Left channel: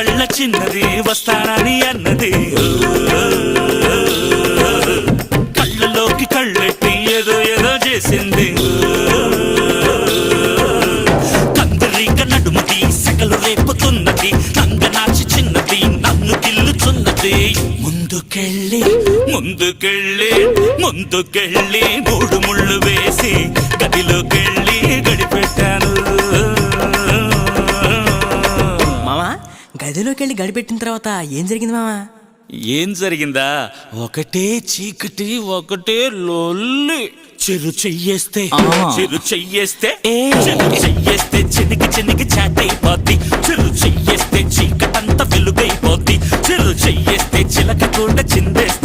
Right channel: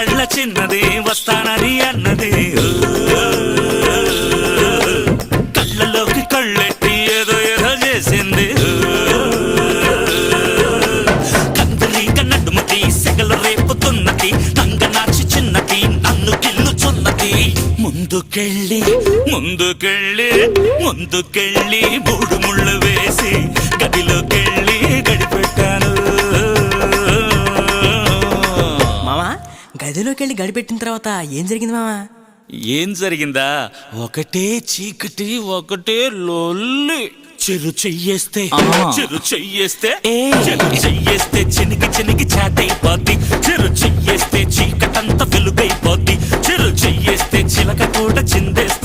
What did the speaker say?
కళ్ళ చిన్నది వస్తానని అన్నది కళ్ళలోకి కళ్ళెట్టి ఏదో ఏదో చేసింది కందిరీక నడుముకి సెగలు రేపుతున్నది నంగనాచి చిన్నది నన్ను గిల్లుచున్నది ముందుకెళ్ళి ముందుకెళ్ళి ముందుకెళ్ళి మూడు ముళ్ళు వేసి గదిలోకెళ్ళి గడిపెట్టాను. మామా గదిలోకి వెళ్ళి గడిపెట్టిన తర్వాత ఏం జరిగింది మామా? ఏం జరిగిందా? ఒకటే చీకటి ఒకటే లొల్లి. చెరు చెయ్యేస్తే చెనిగి చెనిగి చాటైపోద్ది. చెరు చెయ్యేస్తే చీకటంతా వెలుగైపోద్ది. చెరు చెయ్యేస్తే చిలక కూడా చిందేస్తే